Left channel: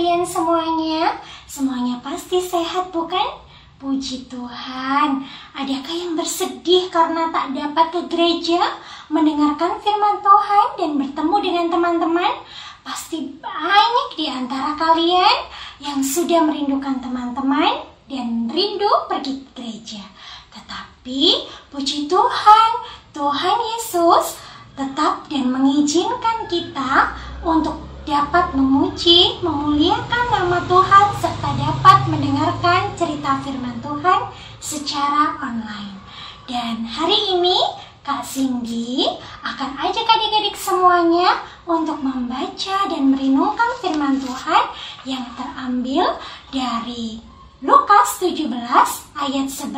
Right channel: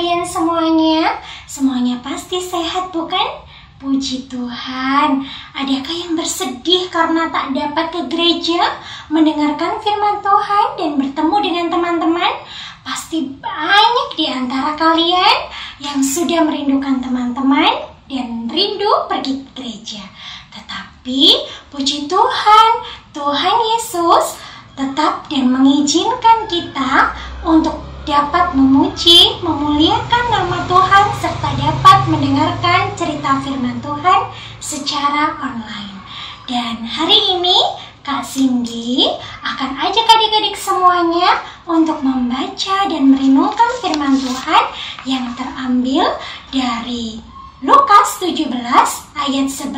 kalian semuanya? Semuanya pasti sehat, bukan? Puji Tuhan. Adakah yang bersedih karena tak dapat ke gereja, mendengarkan firman Tuhan dan bertemu dengan teman-teman? Pasti banyak di antara kalian yang sudah merindukan teman-teman dan rindu pergi ke gereja. Tetapi puji Tuhan, Tuhan Yesus tetap dan mengizinkan kita untuk dapat memuji, memuliakan nama Tuhan, serta dapat mendengarkan cerita firman Tuhan secara online. Dan hari ini Kak Cindy akan ajak adik-adik semuanya untuk membaca dan merenungkan firman Tuhan yang terambil dari Lukas 17 ayat 11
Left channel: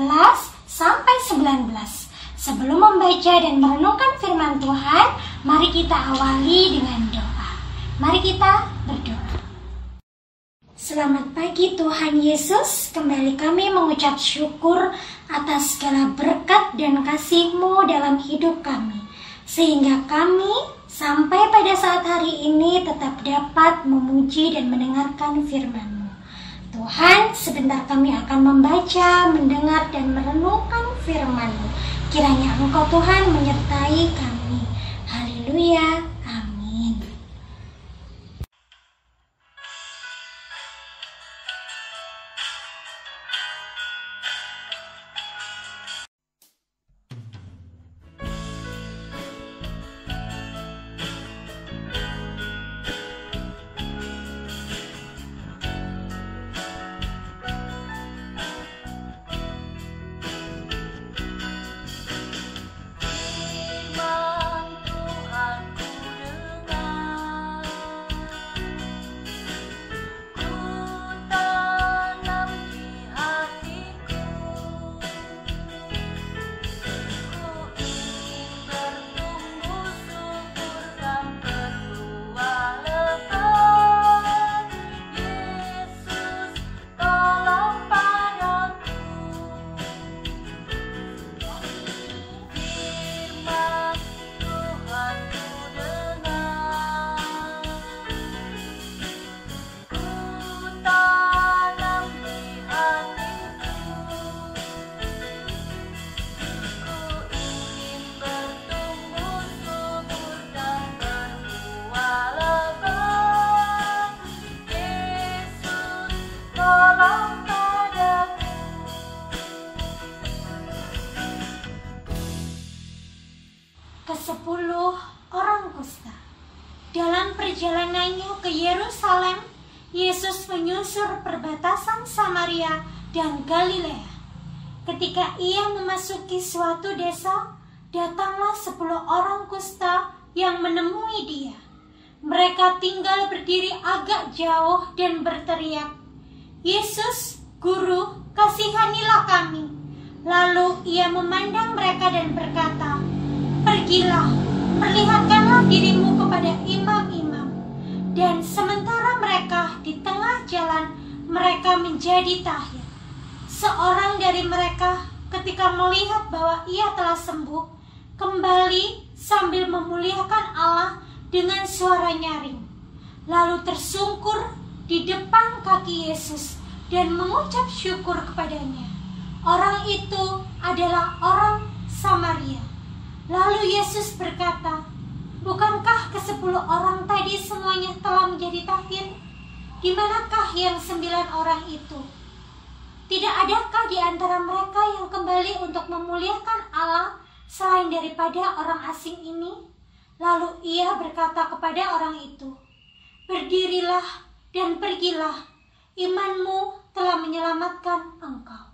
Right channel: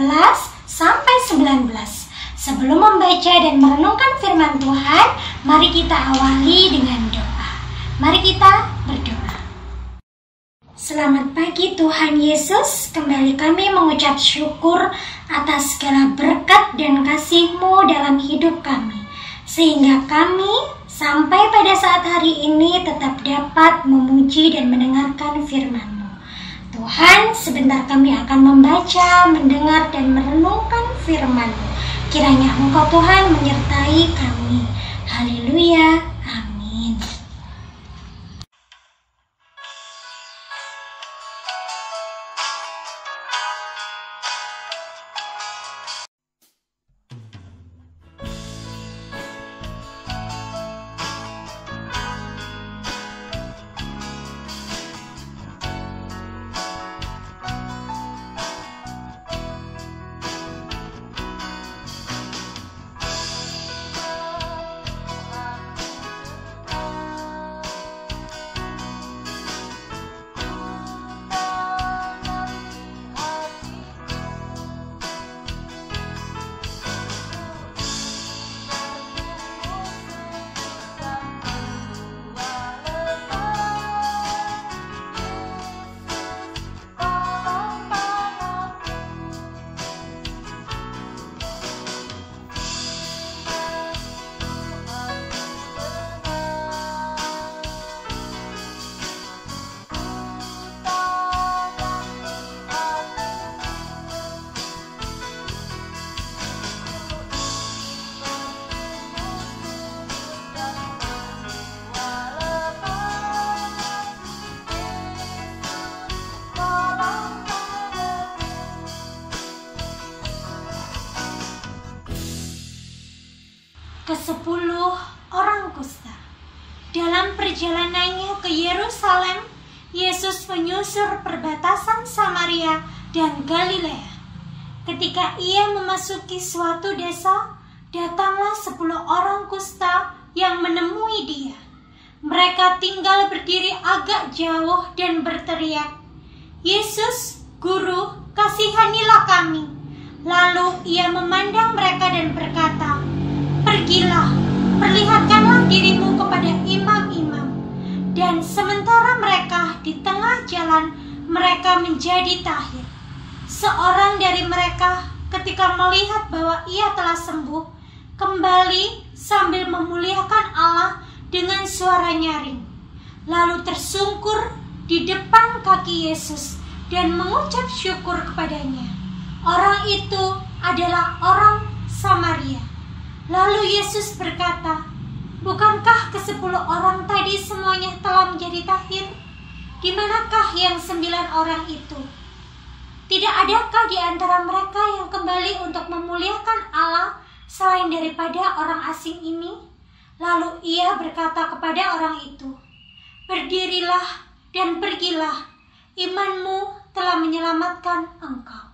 sampai 19. Sebelum membaca dan merenungkan firman Tuhan, mari kita awali dengan doa. Mari kita berdoa. Selamat pagi Tuhan Yesus, kembali kami mengucap syukur atas segala berkat dan kasih-Mu dalam hidup kami, sehingga kami sampai pada saat hari ini tetap dapat memuji dan mendengarkan firman-Mu. Tuhan, sebentar kami akan membaca, mendengar, dan merenungkan firman-Mu. Kiranya Engkau Tuhan menyertai kami. Haleluya. Amin. Ke-10 orang kusta. Dalam perjalanannya ke Yerusalem, Yesus menyusur perbatasan Samaria dan Galilea. Ketika ia memasuki suatu desa, datanglah 10 orang kusta yang menemui dia. Mereka tinggal berdiri agak jauh dan berteriak, "Yesus, Guru, kasihanilah kami." Lalu ia memandang mereka dan berkata, "Pergilah, perlihatkanlah dirimu kepada imam-imam." Dan sementara mereka di tengah jalan, mereka menjadi tahir. Seorang dari mereka ketika melihat bahwa ia telah sembuh, kembali sambil memuliakan Allah dengan suara nyaring. Lalu tersungkur di depan kaki Yesus dan mengucap syukur kepadanya. Orang itu adalah orang Samaria. Lalu Yesus berkata, "Bukankah ke-10 orang tadi semuanya telah menjadi tahir? Di manakah yang 9 orang itu? Tidak adakah di antara mereka yang kembali untuk memuliakan Allah selain daripada orang asing ini?" Lalu ia berkata kepada orang itu, "Berdirilah dan pergilah, imanmu telah menyelamatkan engkau."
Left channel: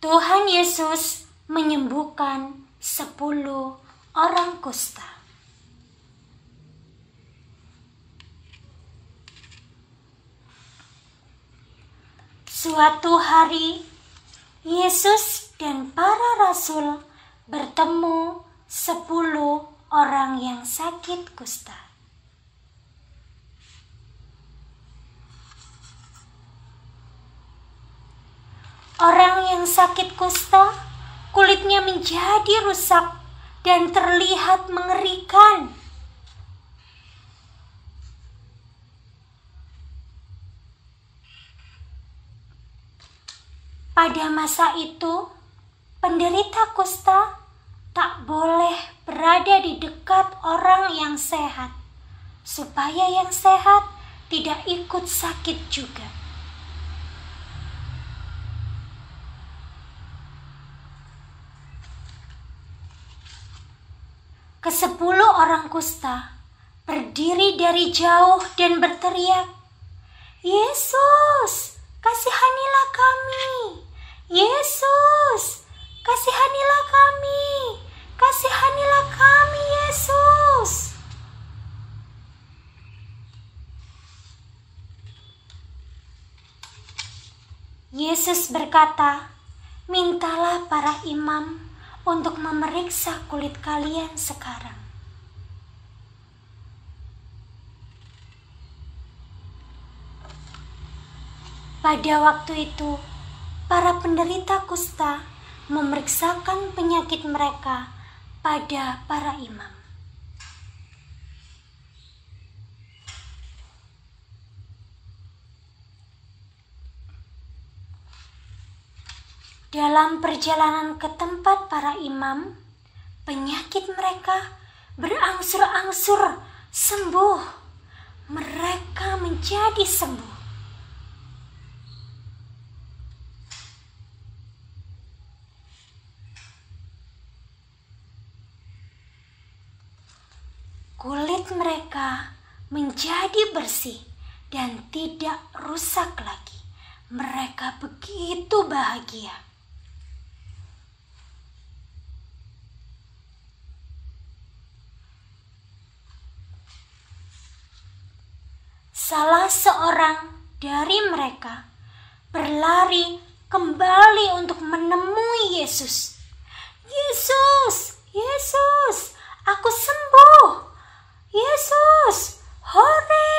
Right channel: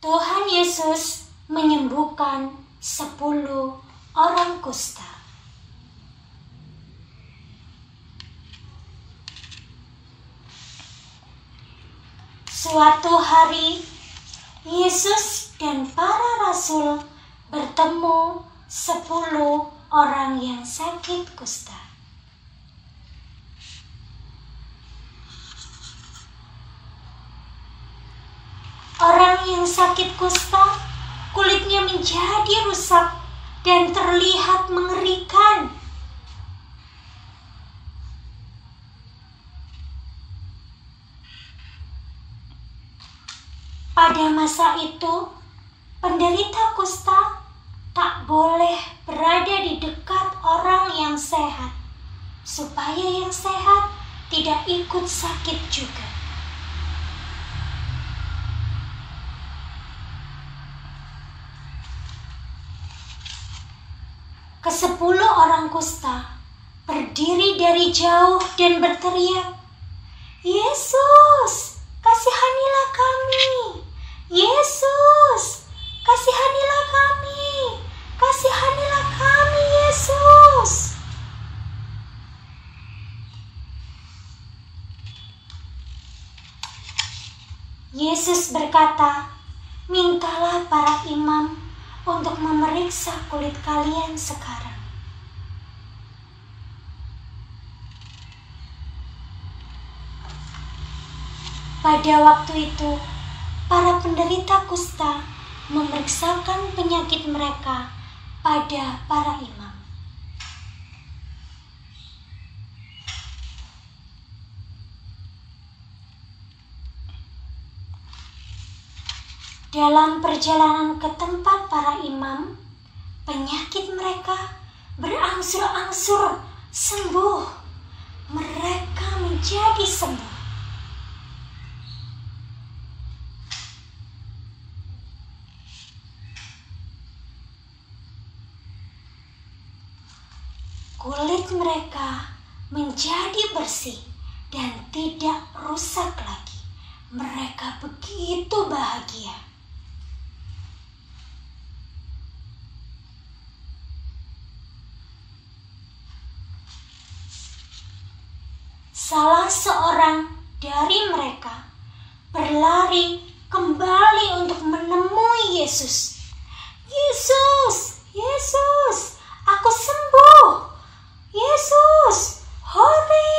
Tuhan Yesus menyembuhkan 10 orang kusta. Suatu hari, Yesus dan para rasul bertemu 10 orang yang sakit kusta. Orang yang sakit kusta, kulitnya menjadi rusak dan terlihat mengerikan. itu, penderita kusta tak boleh berada di dekat orang yang sehat, supaya yang sehat tidak ikut sakit juga. Ke-10 orang kusta berdiri dari jauh dan berteriak, "Yesus, kasihanilah kami! Yesus, kasihanilah kami! Kasihanilah kami, Yesus!" Yesus berkata, "Mintalah para imam untuk memeriksa kulit kalian sekarang." Pada waktu itu, para penderita kusta memeriksakan penyakit mereka pada para imam. Dalam perjalanan ke tempat para imam, penyakit mereka berangsur-angsur sembuh. Mereka menjadi sembuh. Kulit mereka menjadi bersih dan tidak rusak lagi. Mereka begitu bahagia. Salah seorang dari mereka berlari kembali untuk menemui Yesus. "Yesus, Yesus, aku sembuh! Yesus, hore,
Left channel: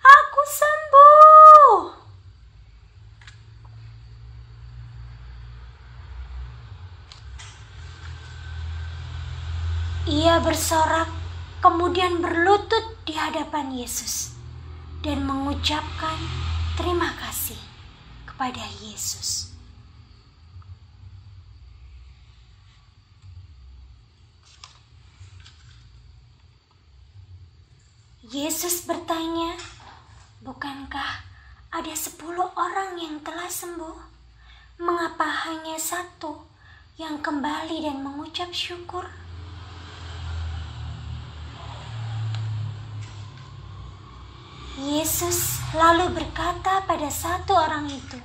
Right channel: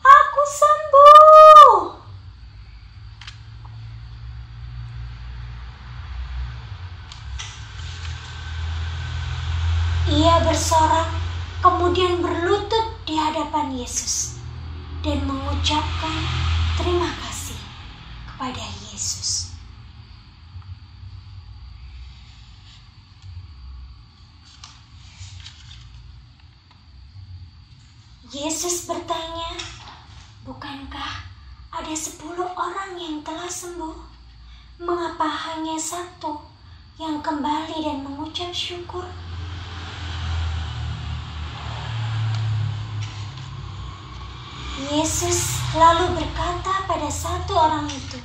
aku sembuh!" Ia bersorak, kemudian berlutut di hadapan Yesus dan mengucapkan terima kasih kepada Yesus. Yesus bertanya, "Bukankah ada 10 orang yang telah sembuh? Mengapa hanya 1 yang kembali dan mengucap syukur?" Yesus lalu berkata pada 1 orang itu,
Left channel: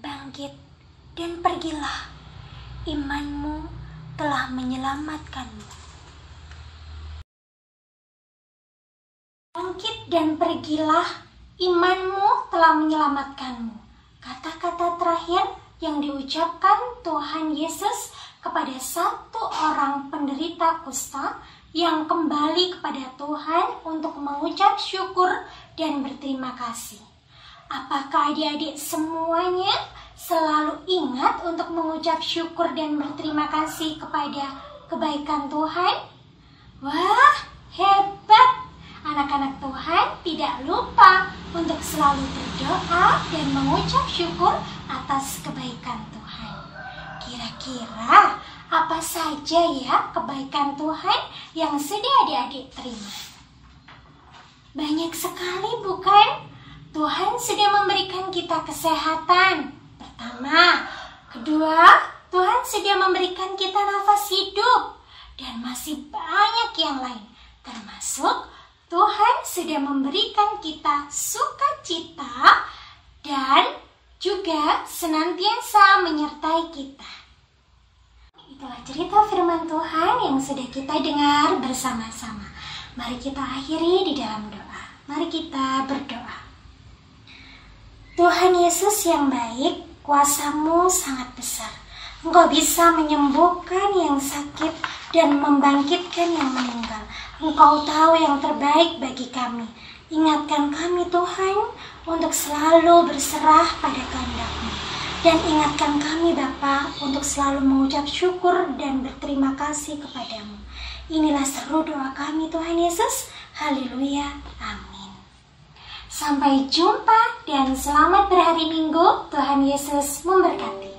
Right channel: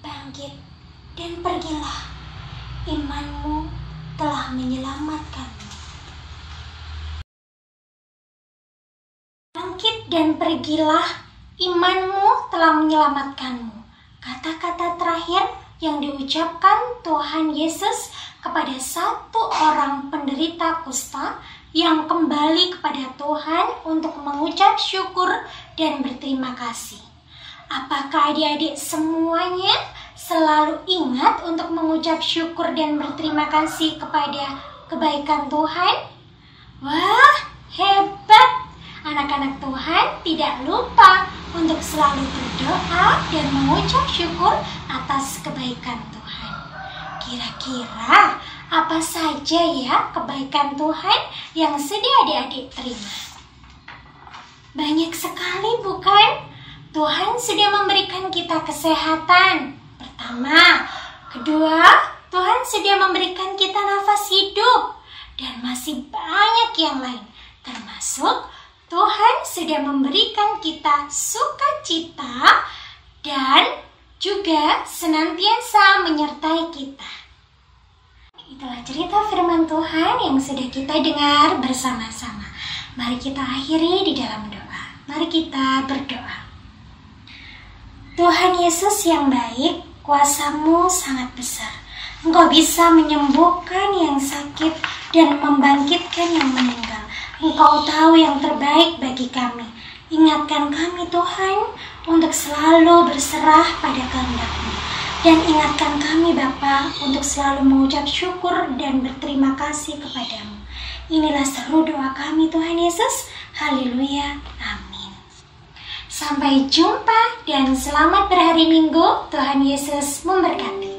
"Bangkit dan pergilah, imanmu telah menyelamatkanmu." Bangkit dan pergilah, imanmu telah menyelamatkanmu. Kata-kata terakhir yang diucapkan Tuhan Yesus kepada 1 orang penderita kusta yang kembali kepada Tuhan untuk mengucap syukur dan berterima kasih. Apakah adik-adik semuanya selalu ingat untuk mengucap syukur dan berterima kasih kepada kebaikan Tuhan? Wah, hebat! Anak-anak Tuhan tidak lupa untuk selalu berdoa dan mengucap syukur atas kebaikan Tuhan. Kira-kira apa saja ya kebaikan Tuhan yang sudah adik-adik terima? Banyak sekali, bukan? Tuhan sudah memberikan kita kesehatan. Pertama, kedua, Tuhan sudah memberikan kita nafas hidup. Dan masih banyak yang lain. Termasuk Tuhan sudah memberikan kita sukacita dan juga senantiasa menyertai kita. Itulah cerita firman Tuhan yang sudah kita dengar bersama-sama. Mari kita akhiri di dalam doa. Mari kita berdoa. Tuhan Yesus yang baik, kuasa-Mu sangat besar. Engkau bisa menyembuhkan yang sakit dan membangkitkan yang meninggal. Engkau tahu yang terbaik bagi kami. Ingatkan kami Tuhan untuk selalu berserah pada kehendak-Mu. Dan ingatkan kami Bapa untuk selalu mengucap syukur dan berterima kasih kepadamu. Inilah seru doa kami Tuhan Yesus. Haleluya. Amin. Sampai jumpa dan selamat berhari Minggu. Tuhan Yesus memberkati.